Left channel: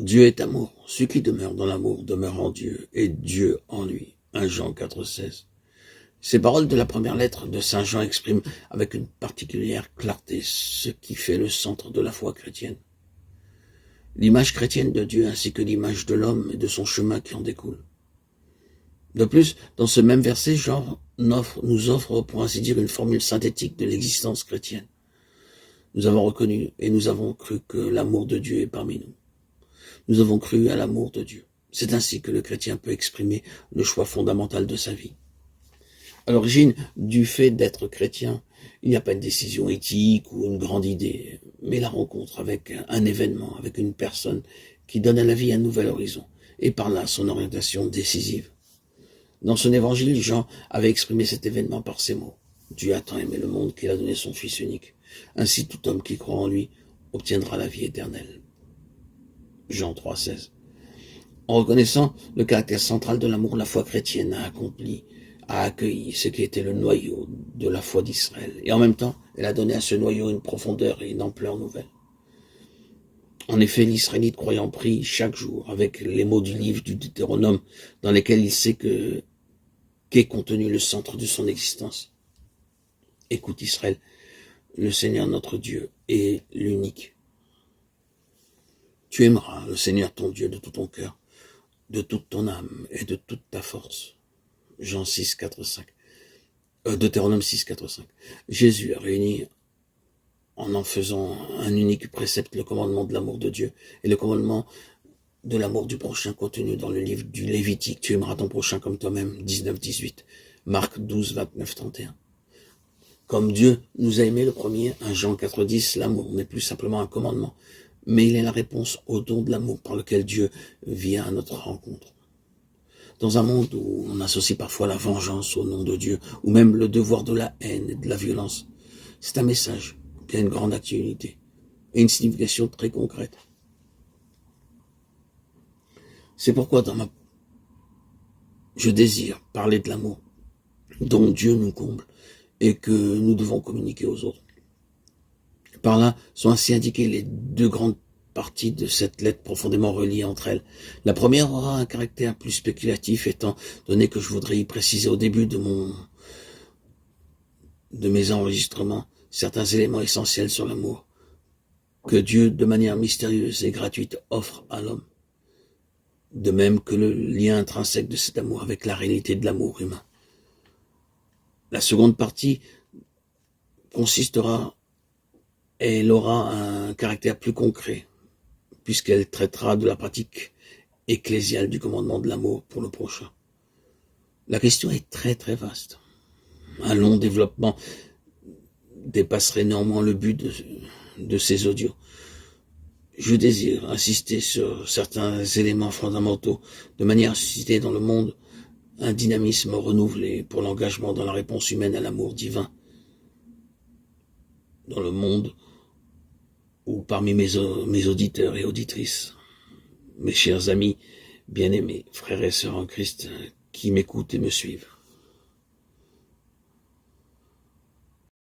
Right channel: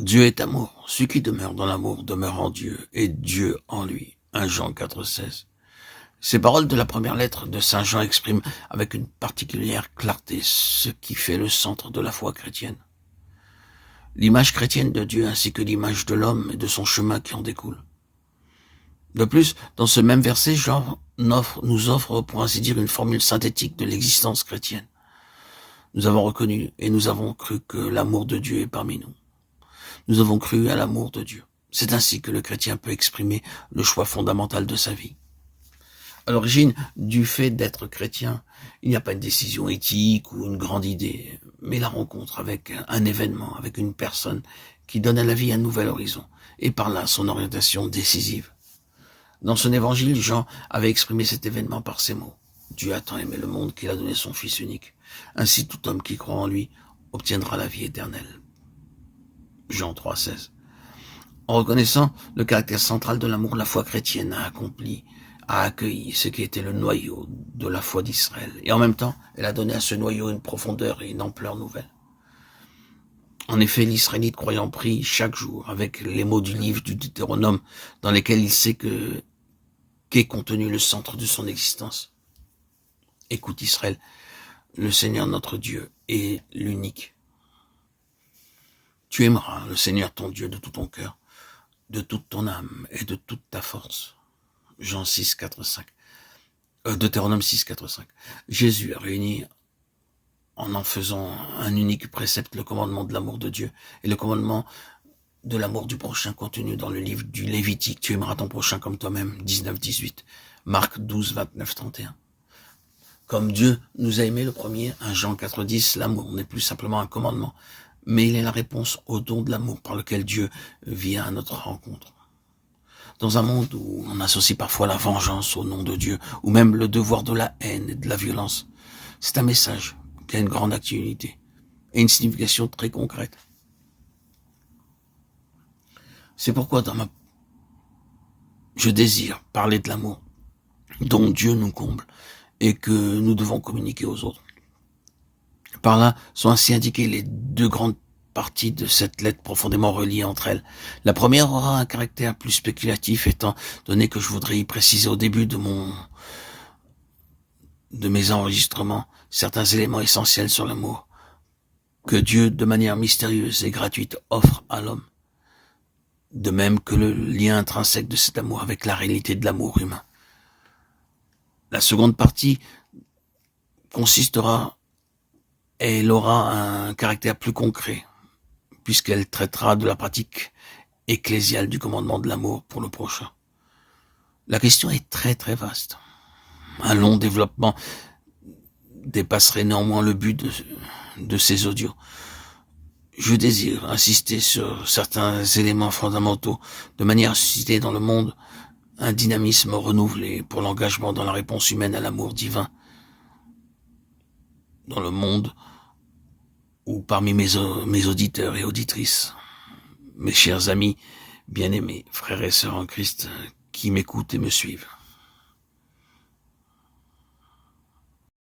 Dieu est amour. Celui qui demeure dans l'amour demeure en Dieu et Dieu en lui. 1 Jean 4,16. Ces paroles de la première lettre de Saint Jean expriment avec une particulière clarté ce qui fait le centre de la foi chrétienne. L'image chrétienne de Dieu ainsi que l'image de l'homme et de son chemin qui en découle. De plus, dans ce même verset, Jean nous offre, pour ainsi dire, une formule synthétique de l'existence chrétienne. Nous avons reconnu et nous avons cru que l'amour de Dieu est parmi nous. Nous avons cru à l'amour de Dieu. C'est ainsi que le chrétien peut exprimer le choix fondamental de sa vie. À l'origine du fait d'être chrétien, il n'y a pas une décision éthique ou une grande idée, mais la rencontre avec un événement, avec une personne qui donne à la vie un nouvel horizon, et par là son orientation décisive. Dans son évangile, Jean avait exprimé cet événement par ces mots. Dieu a tant aimé le monde qu'il a donné son Fils unique. Ainsi tout homme qui croit en lui obtiendra la vie éternelle. Jean 3,16. En reconnaissant le caractère central de l'amour, la foi chrétienne a accueilli ce qui était le noyau de la foi d'Israël. Et en même temps, elle a donné à ce noyau une profondeur et une ampleur nouvelle. En effet, l'Israélite croyant prie chaque jour avec les mots du livre du Deutéronome dans lesquels il sait qu'est contenu le centre de son existence. Écoute Israël, le Seigneur notre Dieu est l'unique. Tu aimeras le Seigneur ton Dieu de tout ton cœur, de toute ton âme et de toute ta force. Jean 6, 4, 5. Deutéronome 6, 4, 5. Jésus a réuni en faisant un unique précepte le commandement de l'amour de Dieu et le commandement de l'amour du prochain contenu dans le livre du Lévitique. Tu aimeras ton prochain comme toi-même, 19, 18. Marc 12, 29, 31. Comme Dieu nous a aimés le premier, 1 Jean 4, 10, l'amour n'est plus simplement un commandement, mais il est la réponse au don de l'amour par lequel Dieu vient à notre rencontre. Dans un monde où on associe parfois la vengeance au nom de Dieu, ou même le devoir de la haine et de la violence, c'est un message qui a une grande actualité et une signification très concrète. C'est pourquoi je désire parler de l'amour dont Dieu nous comble et que nous devons communiquer aux autres. Par là sont ainsi indiquées les deux grandes parties de cette lettre profondément reliées entre elles. La première aura un caractère plus spéculatif étant donné que je voudrais y préciser au début de mes enregistrements certains éléments essentiels sur l'amour que Dieu, de manière mystérieuse et gratuite, offre à l'homme. De même que le lien intrinsèque de cet amour avec la réalité de l'amour humain. La seconde partie elle aura un caractère plus concret, puisqu'elle traitera de la pratique ecclésiale du commandement de l'amour pour le prochain. La question est très très vaste. Un long développement dépasserait néanmoins le but de ces audios. Je désire insister sur certains éléments fondamentaux de manière à susciter dans le monde un dynamisme renouvelé pour l'engagement dans la réponse humaine à l'amour divin. Dans le monde où parmi mes auditeurs et auditrices, mes chers amis, bien-aimés, frères et sœurs en Christ, qui m'écoutent et me suivent.